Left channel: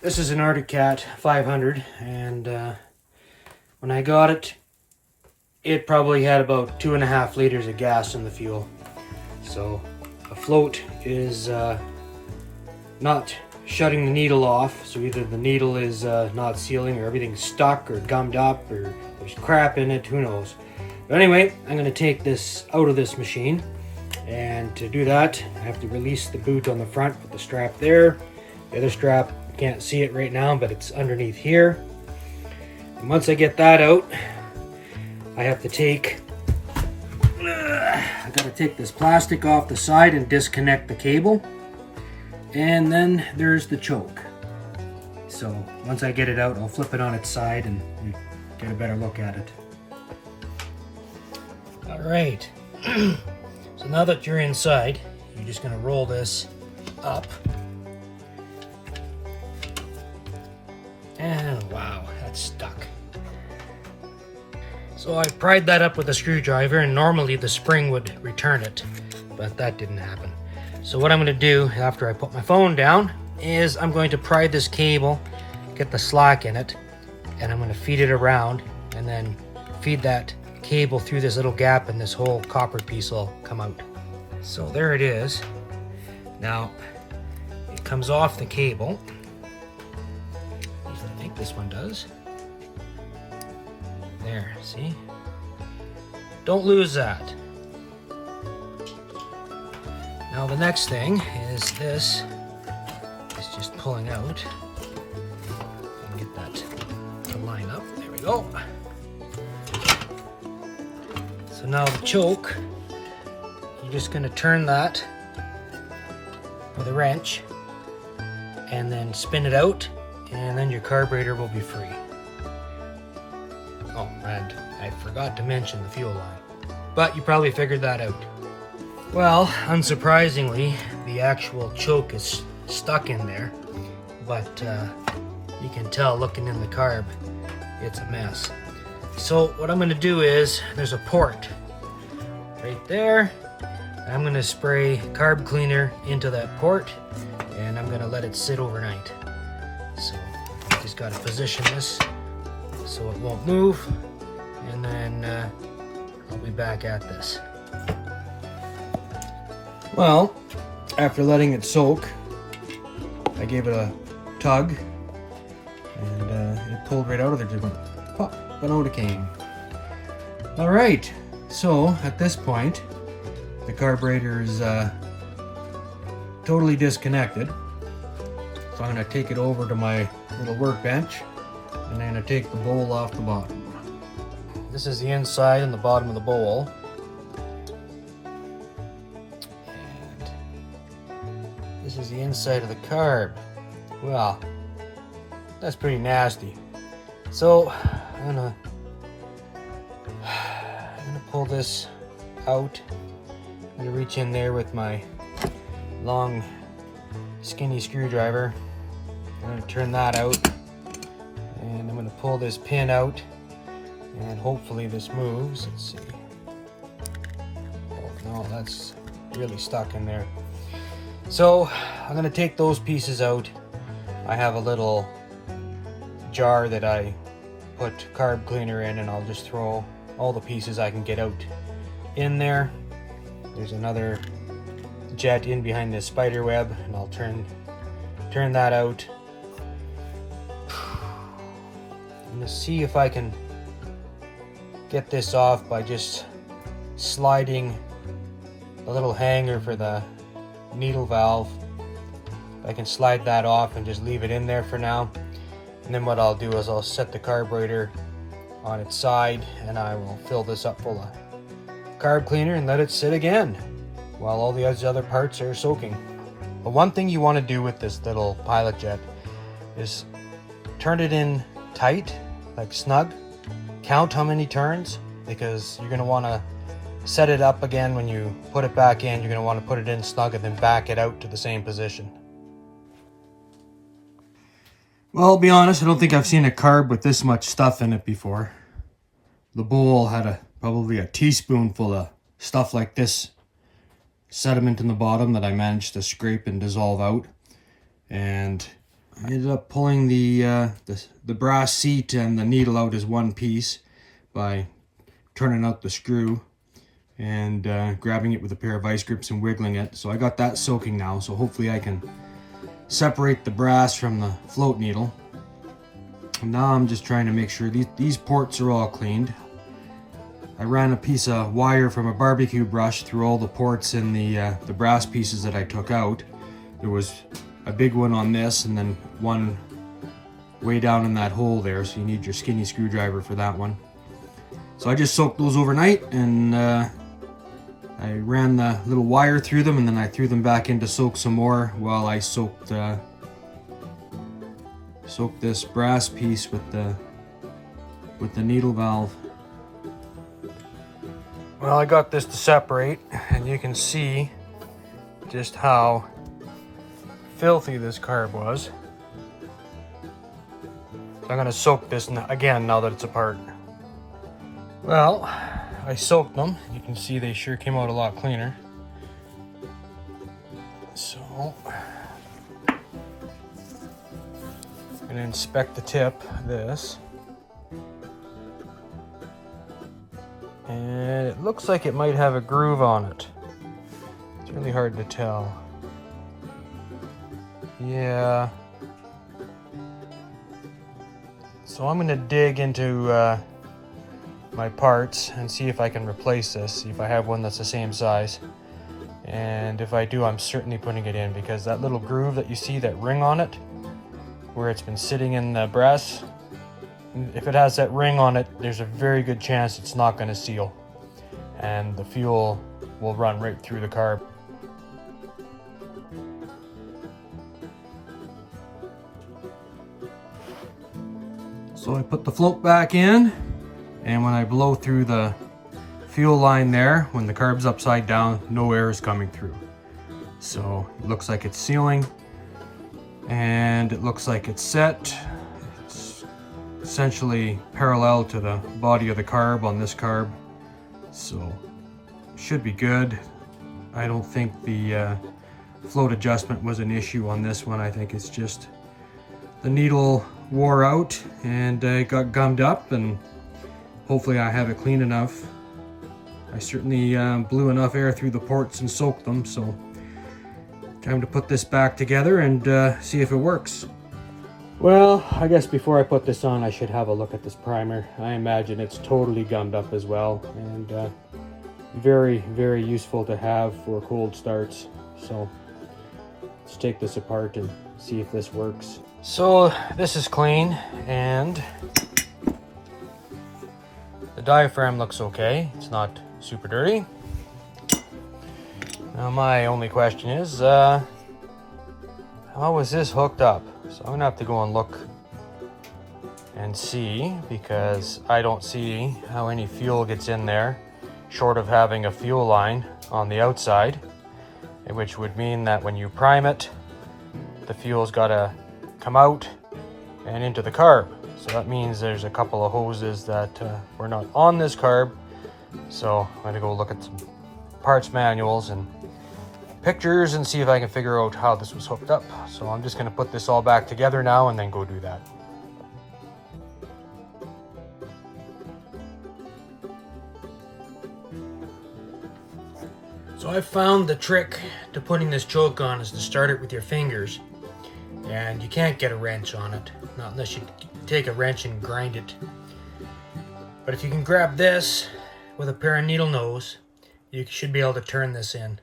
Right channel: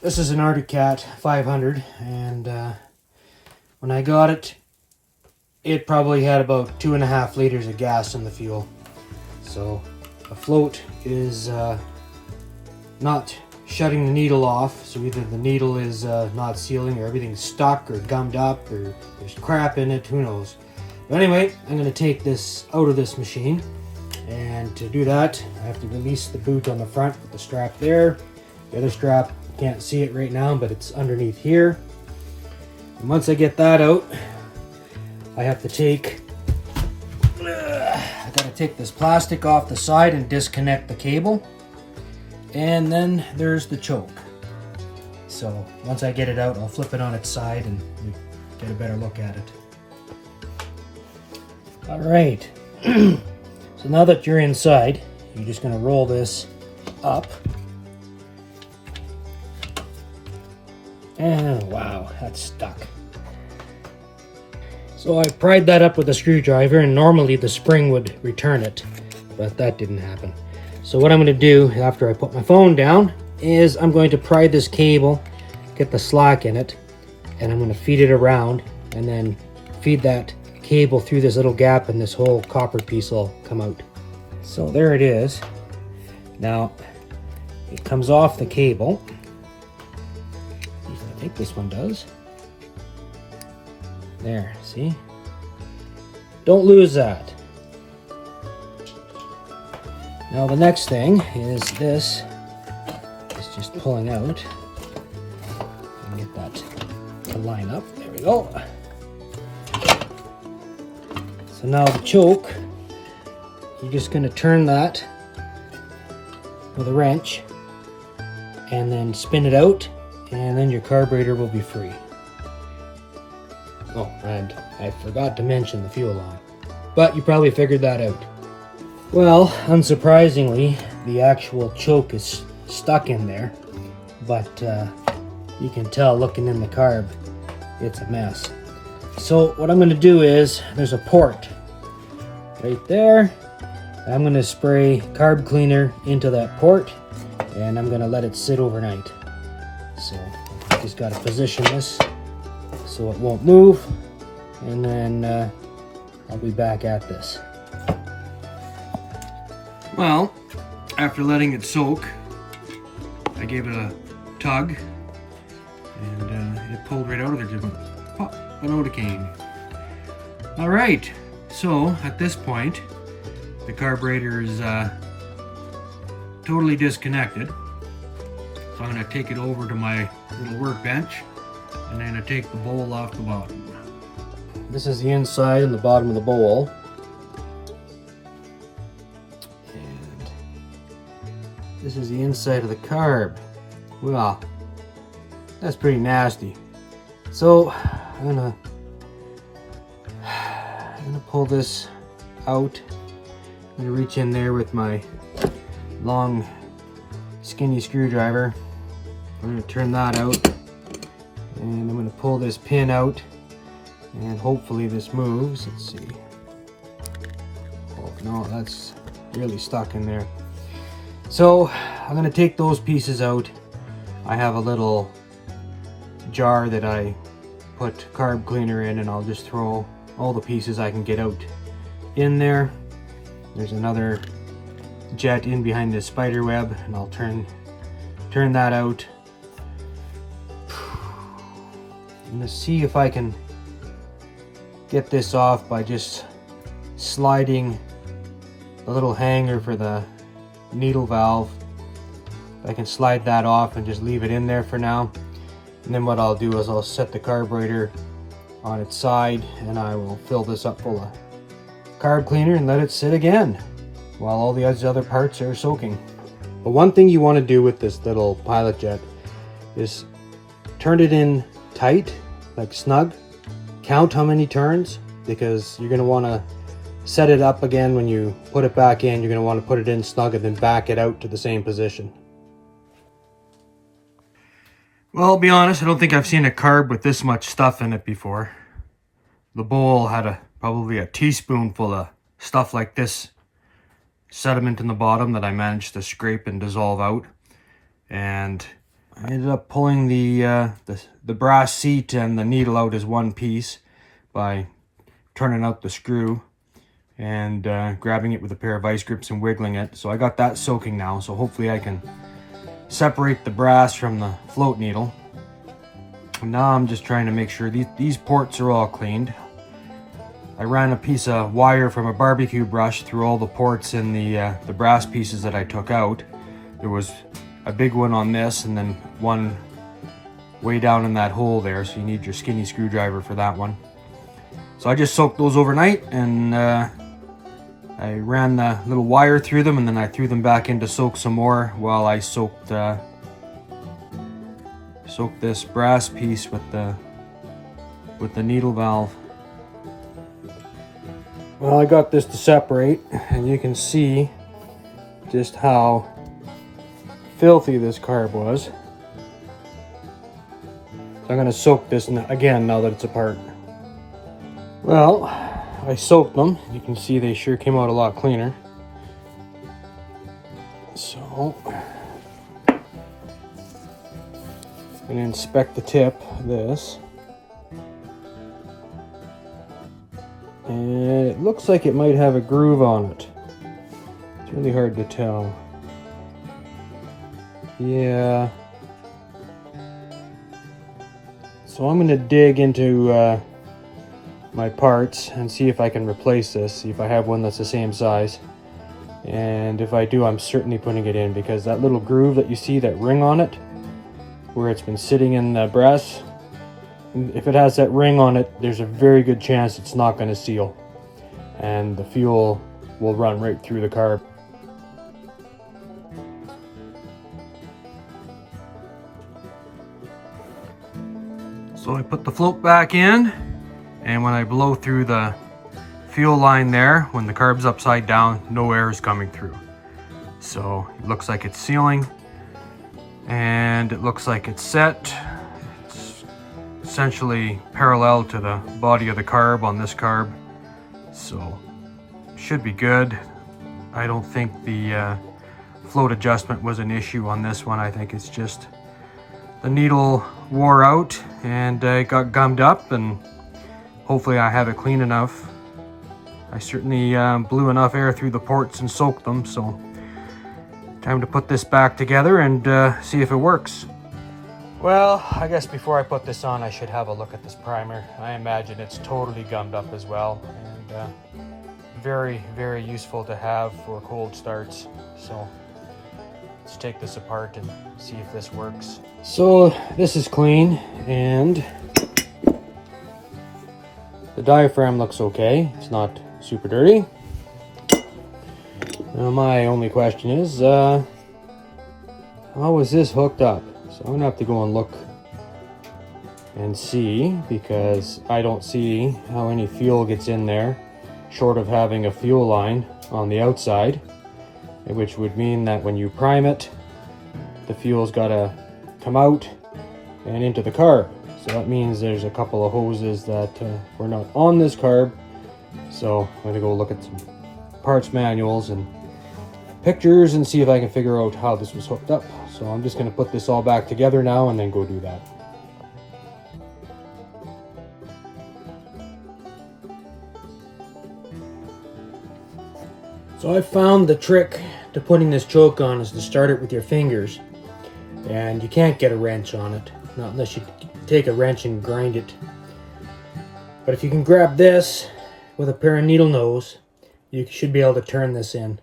This is an Arctic Cat 500, and when I got it, it probably had about 2.5 liters of gas in the fuel. So a float is not shutting the needle off, so either the needle is not sealing, or everything's stuck or gummed up, or there's crap in it, who knows. But anyway, I'm going to take this out of this machine, and to do that I have to release the boot on the front with the strap there. The other strap, you can't see it right now, but it's underneath here. And once I get that out, I have to take I gotta take this plastic off the side and disconnect the cable. And then there's the choke. So once I get it out, I'll flip it on its side and you get a better look at it. All right. So now that you're inside, you're just gonna roll this up. And wow, that's stuck. So I pried that up with a screwdriver, and normally the spring would return it, but that didn't happen. So what I'm going to do after I put my phone down is I'm going to pry this cable, get the slack in it, and I'm going to feed it around, and then feed that cable through this little gap, and this whole copper piece will come out. So there it is. Now it comes off the cable. I think this one does. There, see? Don't lose that. Now the next thing is this. It's just pulling out. Get that to line up. There we go. So now the choke, you're just going to turn that with a wrench and then spin it out, and then your carburetor will be free. Oh, and I forgot to mention the fuel line, but you probably figured that out. Well, unsurprisingly, the actual choke is stuck in there, but you can tell looking in the carb, it's a mess. So what I'm going to do is, there's a port right there. I'm going to spray carb cleaner into that port, and I'm going to let it sit overnight. So I just got to position this so it won't move, and then I'll be back at this. Well, after letting it soak, I gave it a tug, and it pulled right out of there, just pop, it out it came. All right, so at this point, the carburetor is totally disconnected. So I'm going to take it over to my little workbench, and I'm going to take the bowl off the bottom. This is the inside and the bottom of the bowl. And this is the inside of the carb. Well, that's pretty nasty. So I'm gonna pull this out. I'm gonna reach in there with my long skinny screwdriver. I'm gonna turn that out, and I'm gonna pull this pin out, and hopefully this moves. Let's see. Oh, no, that's really stuck in there. So I'm gonna take those pieces out. I have a little jar that I put carb cleaner in, and I'll just throw all the pieces I can get out in there. There's another jet in behind this spider web, and I'll turn that out. I'm gonna see if I can get this off by just sliding a little hanger for the needle valve. I can slide that off and just leave it in there for now. And then what I'll do is I'll set the carburetor on its side, and I will fill this up full of carb cleaner and let it sit again while all the other parts are soaking. The one thing you want to do with this little pilot jet is turn it in tight, like snug. Count how many turns, because you're going to want to set it up again when you put it back in. You're going to want to put it in snug and then back it out to the same position. Well, I'll be honest, I don't think I've seen a carb with this much stuff in it before. The bowl had probably a teaspoonful of stuff like this sediment in the bottom that I managed to scrape and dissolve out. And I ended up pulling the brass seat and the needle out as one piece by turning out the screw and grabbing it with a pair of vice grips and wiggling it. So I got that soaking now, so hopefully I can separate the brass from the float needle. And now I'm just trying to make sure these ports are all cleaned. I ran a piece of wire from a barbecue brush through all the ports in the brass pieces that I took out. There was a big one on this and then one way down in that hole there, so you need your skinny screwdriver for that one. So I just soaked those overnight, and I ran the little wire through them, and then I threw them back in to soak some more while I soaked this brass piece with the needle valve. Well, I got this to separate, and you can see just how filthy this carb was. So I'm going to soak this again now that it's apart. Well, I soaked them. You can see they sure came out a lot cleaner. So I'm going to inspect the tip of this. And it looks like it might have a groove on it. It's really hard to tell. Yeah. So I'm going to dig into my parts and see if I can replace this, see if I have one that's the same size. And if I do, I'm certainly putting it in, because that little groove that you see, that ring on it, where it's been sitting in the brass, if it has that ring on it, there's a very good chance it's not going to seal, and the fuel will run right through the carb. So I put the float back in, and when I blow through the fuel line there, when the carb's upside down, no air is coming through. So it looks like it's sealing, and it looks like it's set. It's essentially parallel to the body of the carb on this carb, so should be good. I don't think the float adjustment was an issue on this one. I think it's just the needle wore out and got gummed up, and hopefully I have it clean enough. I certainly blew enough air through the ports and soaked them, so time to put this back together and see if it works. Well, I guess before I put this on, I should have a look at this primer. I imagine it's totally gummed up as well, and very, very useful to have for cold starts. So let's take this apart and see if this works. So this is clean, and the diaphragm looks okay. It's not super dirty. Now my only question is, how was this hooked up? So I'm gonna have to go and look and see, because I don't see how any fuel gets in there, short of having a fuel line on the outside, which would mean that when you prime it, the fuel's gotta come out and into the carb. So that means there's a couple of hoses that were not on this carb. So I'm gonna go look at some parts manuals and pictures and see if I can figure out how this was hooked up. So I'm just gonna put this all back together now and then go do that. So I found the trick to putting this choke on is to start it with your fingers. And you can't get a wrench on it, not unless you take a wrench and grind it. But if you can grab this with a pair of needle nose, you should be able to turn this in.